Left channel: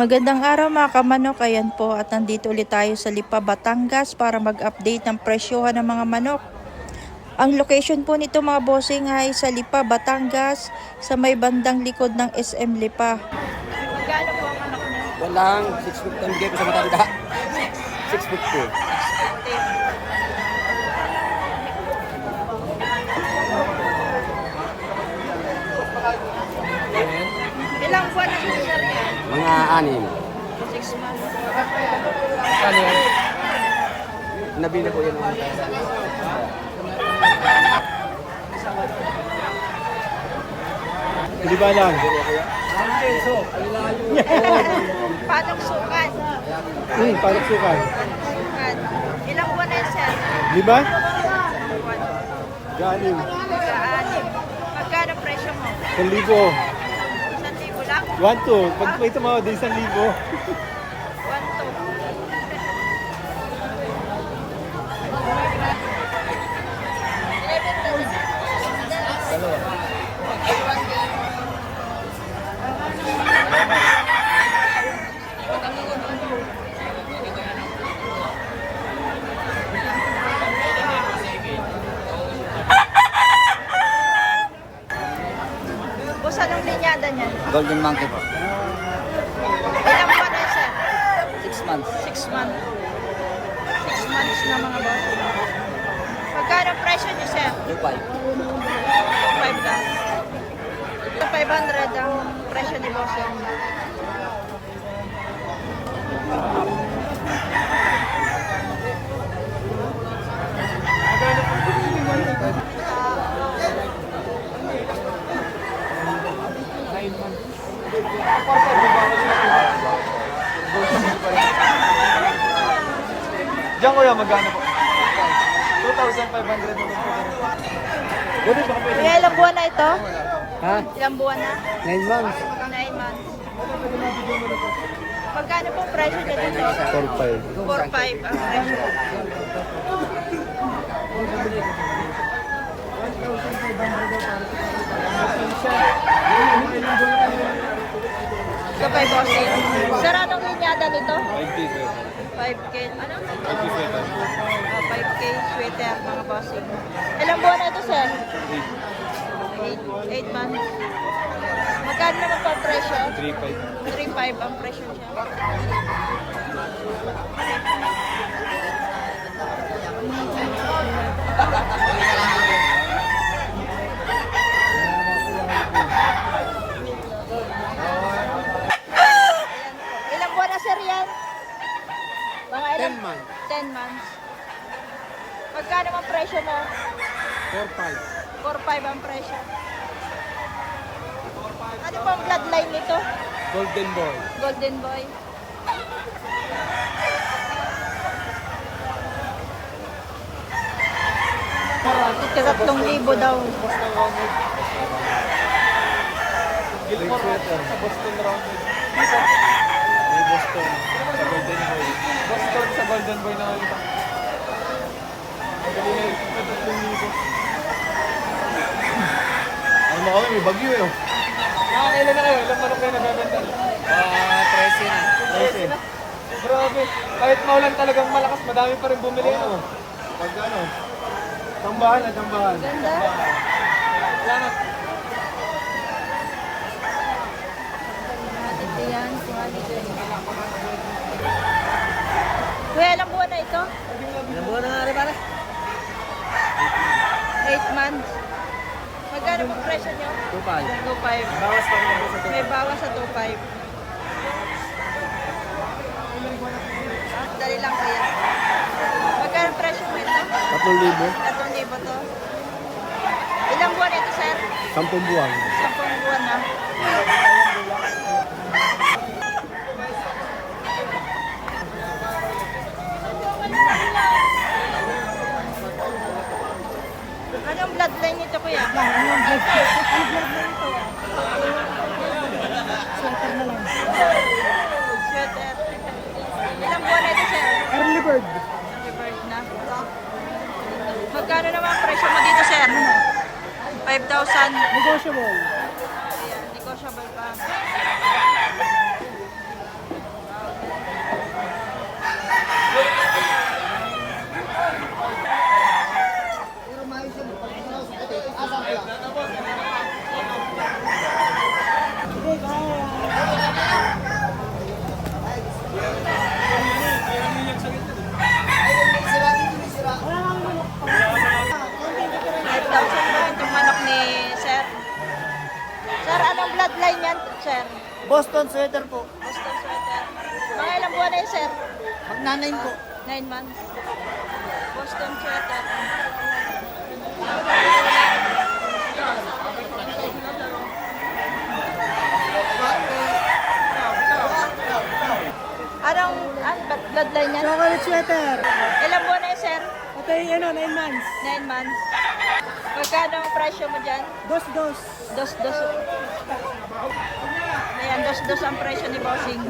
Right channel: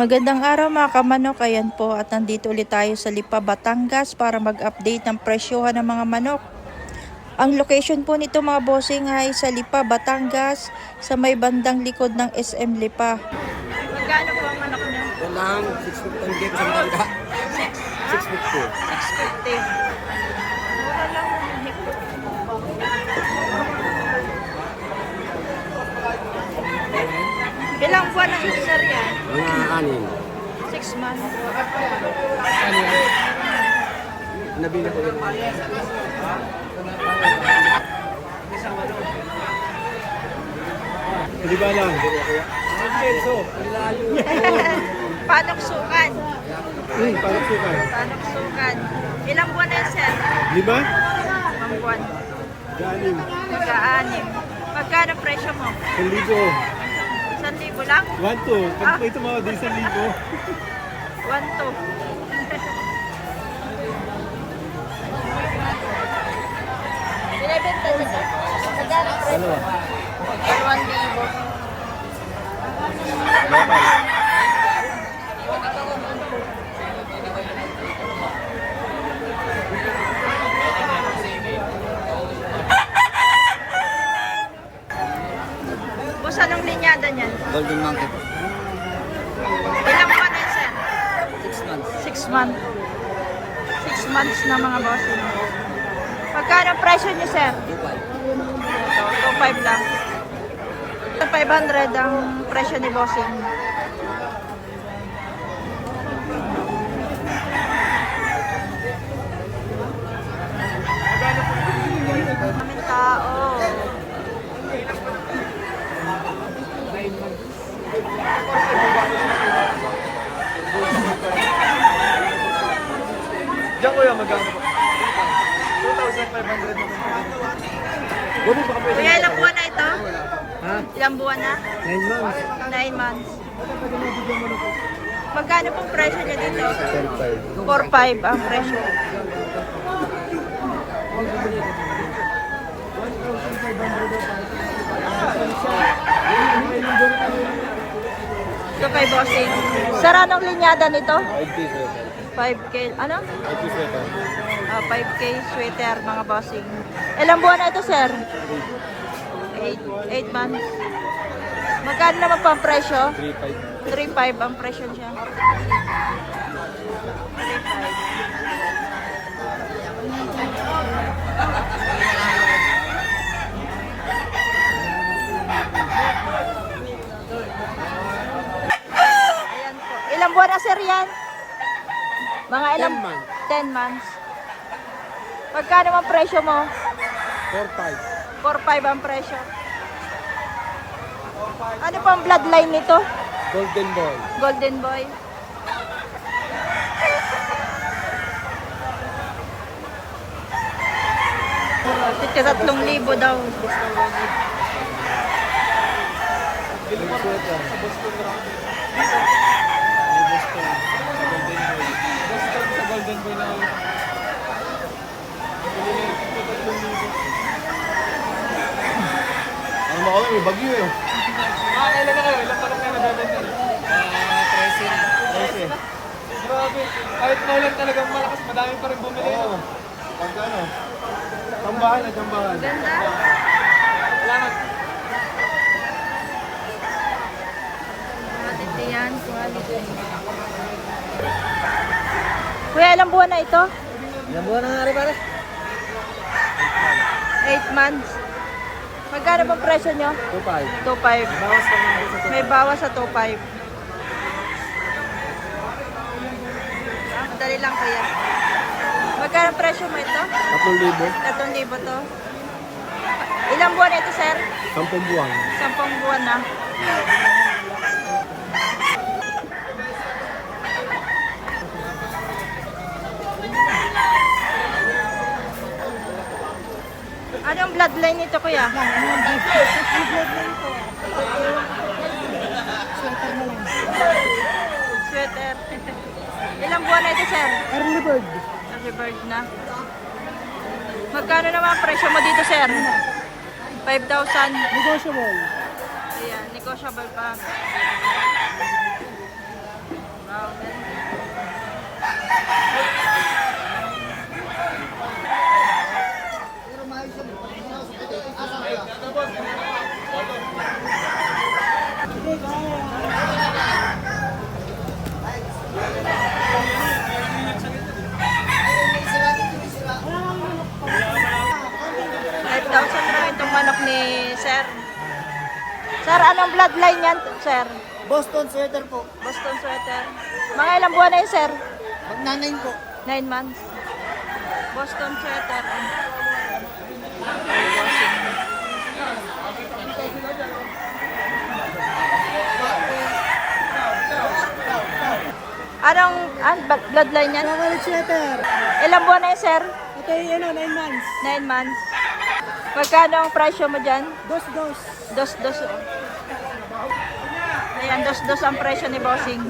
Magandang araw mga kamanok, ayan po at nandito ulit tayo sa Lipa, Batangas para mag-update ng presyohan ng mga manok. Ang location po nito mga bossing ay sa Lipa, Batangas sa may bandang likod ng SM Lipa. Magkano po ang manok niyo? Walang 650 ang gig sa matanda. 650. 650. Ilang buwan na dito sir yan? Mga anin. 6 months. Ano yan? Nabili ko yun. Hindi ba lang? Panok sukan. Paano sukan? Panok sukan. Ilang buwan na yan sir? Di ba? Ang buwan. Ganim. Magkaanim. Magkano presyo mo? 1,000. 1,000 lang? 1,2. Pag may tumawad din 1,000. 1,2. Boss, anong linyada niyan? Golden Monkey po. Ilang buwan na yan, sir? 6 months. 6 months. 6 months na mga boss. Magkano presyo niyo, sir? 2,500 lang. 500 ang presyo ni bossing. Tao. Diyan ko yan magkano? 2,500. Buti baka pwede. Kuya, ilang buwan na ito? Ha? Ilang buwan na? 9 months. 9 months. Magkano pong presyo niya dito? 4,500. 4,500 ang presyo. Ito pa bossing. Sir, anong linyada nito? 5K, ano? 5K sweater, mga bossing. Ilang buwan na ito, sir? 8 months. Magkano naman po ang presyo? 3,500 ang presyo siya. 3,500. Ayan po. Ilang buwan na, sir, yan? Mga ilang? 10 months. 10 months. Magkano ang presyo mo? 4,500. 4,500 ang presyo. Ano pa ang bloodline nito? Golden Boy. Golden Boy. Tika 3,000 daw. Big sweater. Boston sa Golden Boy. Boston sa Golden Boy na ulit. Ano mo kami? May bagyo eh. Kailan na kayo? Ilang parang kayo nagaganda? 13 na. 13. Grabe. Kahit maulan talagang malakas, madami pa rin bumili. Oo. Pag ano? Tambahan na tambahan. Ganda. Salamat. Quality yan, quality. Kuya, ilang buwan na ito? Ilang buwan na nga rin para? 8 months. Magkano po presyo nyo? 2,500. 2,500. Bawas pa naman sa May bawas sa 2,500. Madali lang kuya. Magkano presyo mo ito? 3,000. 3,000 to. Ilang buwan ito, sir? 10 buwan. 10 buwan na. Anong bloodline nito, kuya? Anong bloodline ito? Sweater na lang. Sweater. Ilang buwan na ito, sir? Early bird. Early bird na. Magkano naman ang presyo mo dito, sir? 5,000. Negotiable. Ayan, negotiable pa. Anong bloodline yan, sir? Boston sweater po. Boston sweater. Mga ilang buwan na yun, sir? Magnanayin po. 9 months. Boston sweater. Anong bloodline yan? Chocolate sweater. Ilang buwan na yun, sir? Ito yung 9 months. 9 months. Magkano ang presyo mo dyan? Dos. Dos. Ayan, dos ang presyo ni Bossing.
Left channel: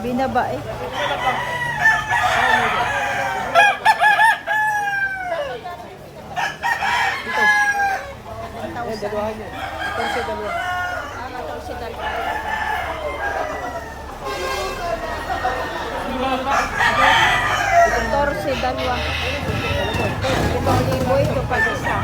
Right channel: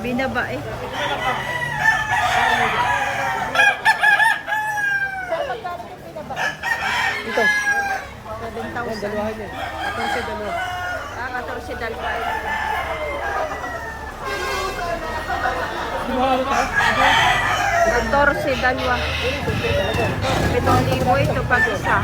Binaba eh. Ito. 7,000. Ah, 14 dalawa. 14 dalawa. 7,000 ito pag isa.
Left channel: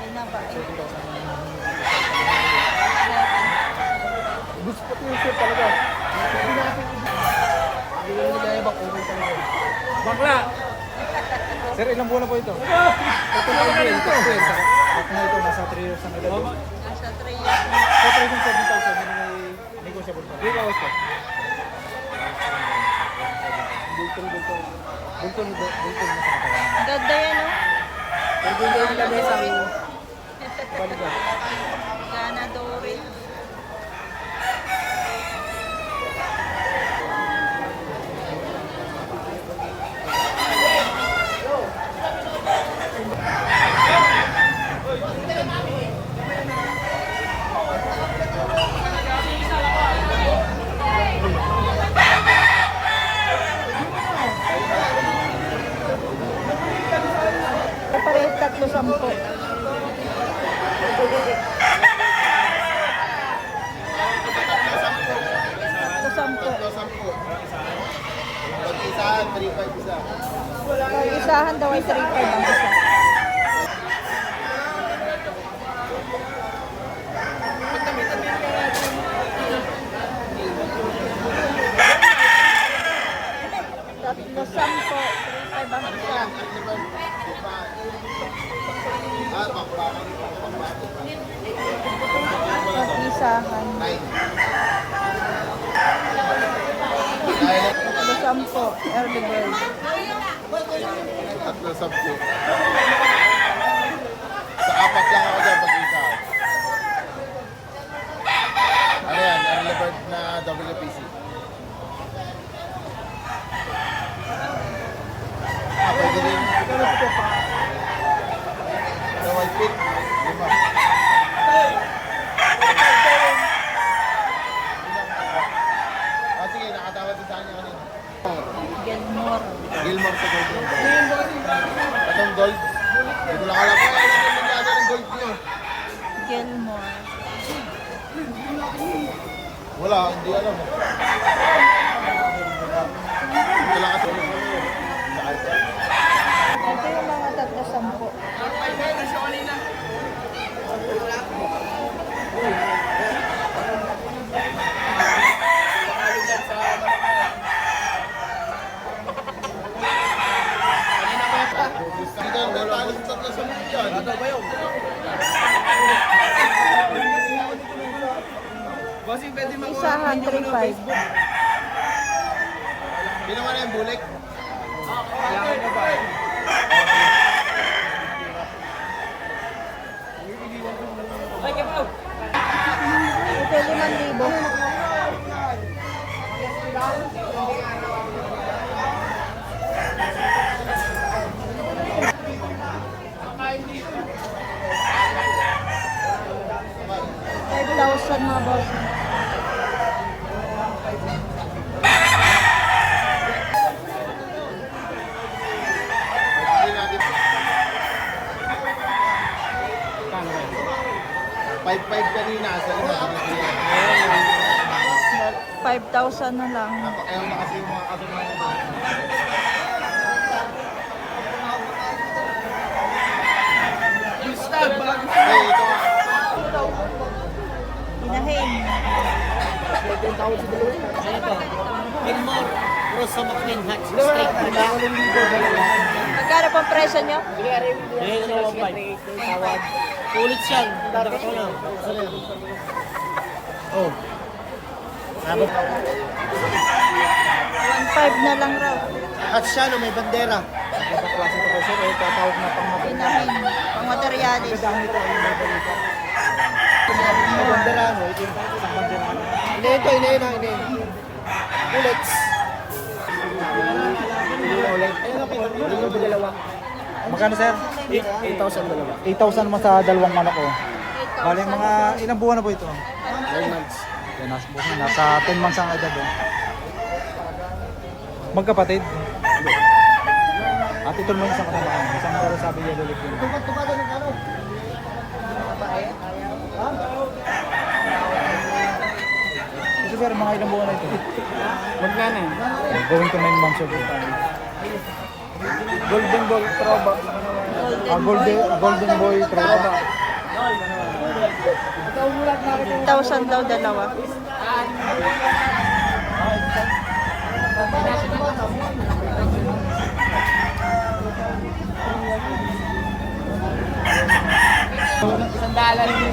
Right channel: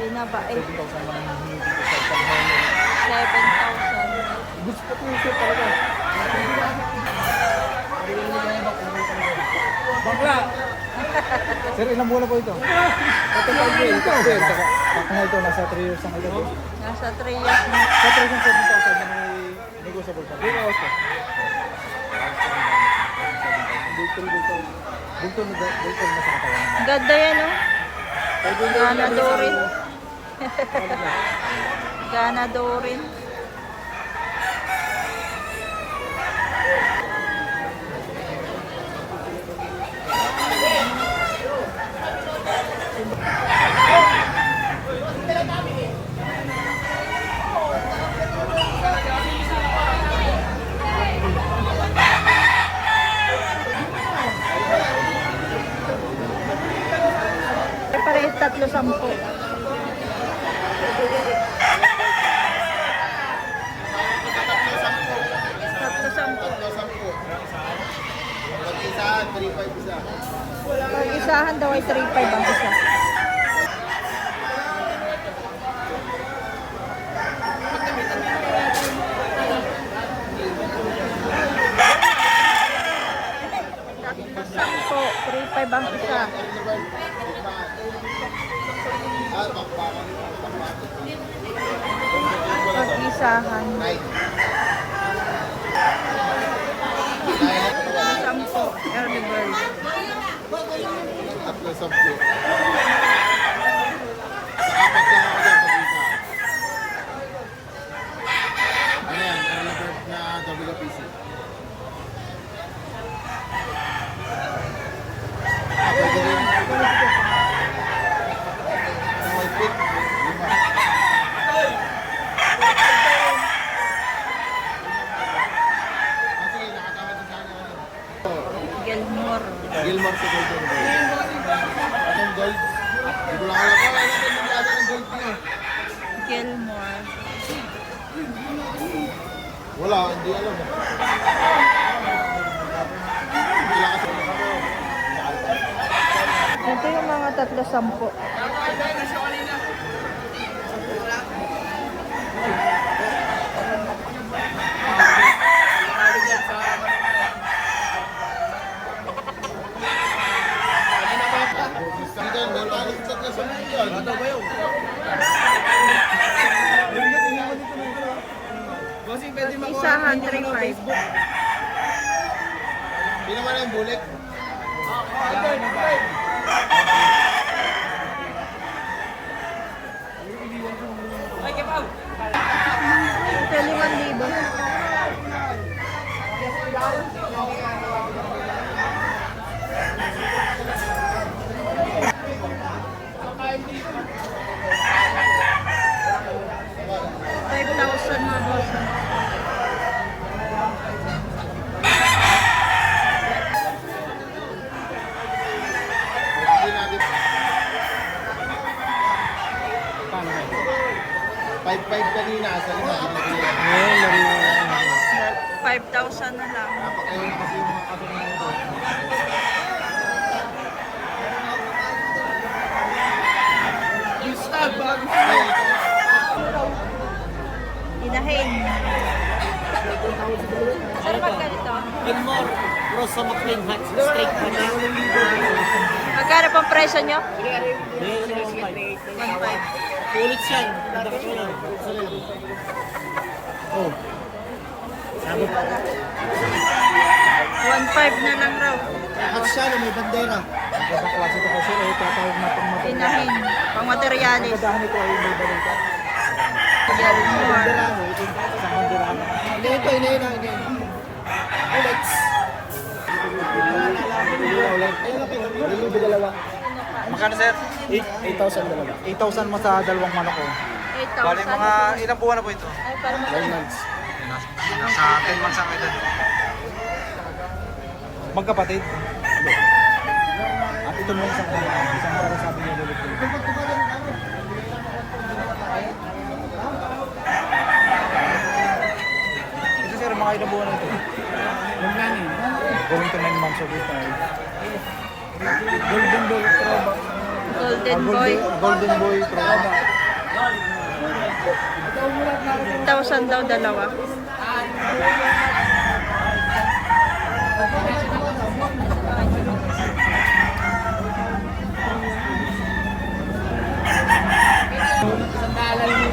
Binaba eh. 7,000. Gusto ko yung shirt talaga. Hindi ko naman kaya bakuri talaga. Bakla! Sir, ilang buwan na po ito? Ito na po yun. Ito, nasa 3 years na ito. Nasa 3 years na. Sa 3,700 na may negotiable pa. Di ba, Oscar? Bultong na sa katawan. Ganda yan, no? Gana Dorin. Gana Dorin. Pareho 3,10. 3,10. Pag isahan daw ay 3,500 ang isa. Tatlo 10, 3,500 ang isa. Pag-isahan. Tatlo 10, early bird. Tatlo 10. Sa apat lang ako dyan pag-isa. Ano yan? Early bird na WPC. Pwede rin. Sa white pit, 5. Sige, nakatawad din sa akin ako. Gilmore. Gilmore sa Golden Gold. Itong gold, hindi ko lang alam. Wala natin nangyari ng gold nyo. Gilmore. Wala, hindi alam. Hindi lang kasi. Ito yung mga 3,10. Dito ang talo sa tatlo sa milyon. Ano ba yun? Bossing, pwede makuha. Isahan 3,500. Pinaman na yung bulik. Kailangan mo ba? Ito 5,000. $5,000 mga boss. Hindi natin. 5-5 kanina, sa lima. 5,000 na lang. Napakayaw na kasi yung mga katunan nito. Ay, ito nga. Inahin. Ano to? Gilmore, Rosa McLean Hatch, straight hatch. Magkano pong presyo nyo? Bigay ko ng 1.5. Ulit siyan. Ganda ka to lang. Oh. Sabot. 1.5 na lang raw. Hatch siya, no, may bandera. Inahin. Pang materialis. Bandera mo, ito. Isang bandera mo. Ini. Ulit. Ayun na dalawa. Magkano sir? 8,000 dalawa. 8,000 mo sa dalawang manok ko. 8,000. Ilang buwan na po ito? 9 months. Nasa 10 months ang edad. Magkapatid? At ito mo sa katawan. Isang pero sabi niya ulit din. Ito sir, mga ilang buwan na ito? Magkano? Gawin ko na yung super tayo. Golden Boy Troba. Golden boy. Golden Boy Troba. 8,000 daw dalawa. Sandalan yung